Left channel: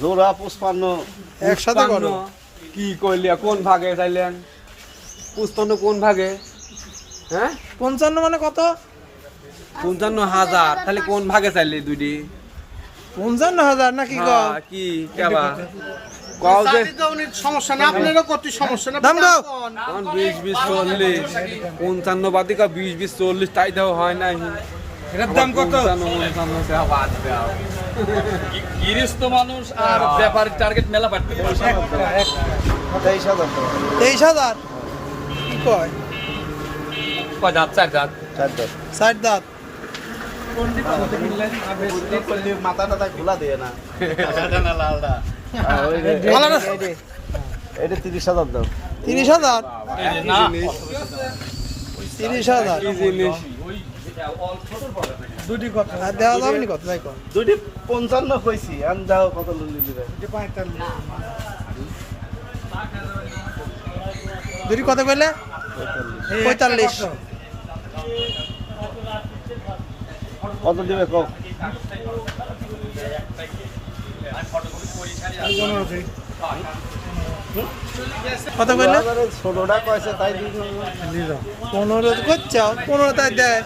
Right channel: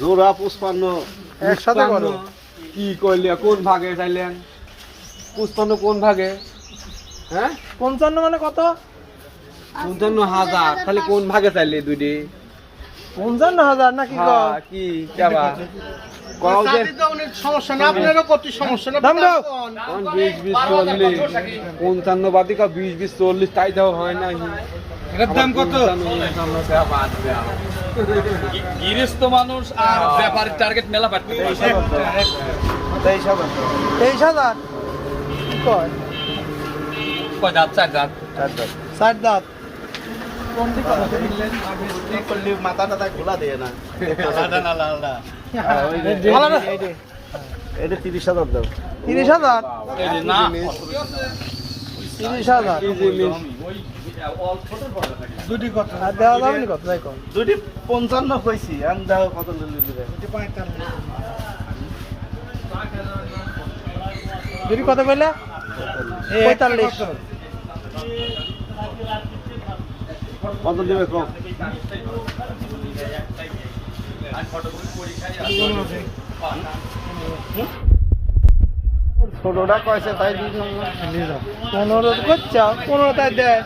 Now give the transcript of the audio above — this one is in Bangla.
জোড়া 55 একসাথে করো। কি করলিয়া কোন ভাগে চাইলেন 55 কোন ভাগে হ্যাঁ 55 মানে কত? 55,000 তাহলে কোন ভাগে চাইলে দুটি 55,000 নাকি গো? কি কেবা কও যে সমস্যা না আপনারও করতে সমস্যা না দাম দাও। 20 20 40 55 বাদিকা 20 20 40 তাই দাও হয় নাই এর দাম কত? গৃহস্থ মানুষ আর ব্যাপারীর টার্গেট মেলা পাচ্ছে 23,000 কি কয়? কয় দাঁত চার দাঁত 60 দাঁত। মাথাটা খোলা দেয় না আলাদা ভালো না? এটা 30,000 দাও 30,000 না 30,000 কি জিনিস আর দেওয়া যাবে নি কত? যাই কর। দুটি 55 কইছি আন দাও কত লিলিরে দুটি কত কইলে? 45। কত দিবে কম কত কইলে? ছোটটা কইছে তাই 15 করছাও 15 তাই দেয়।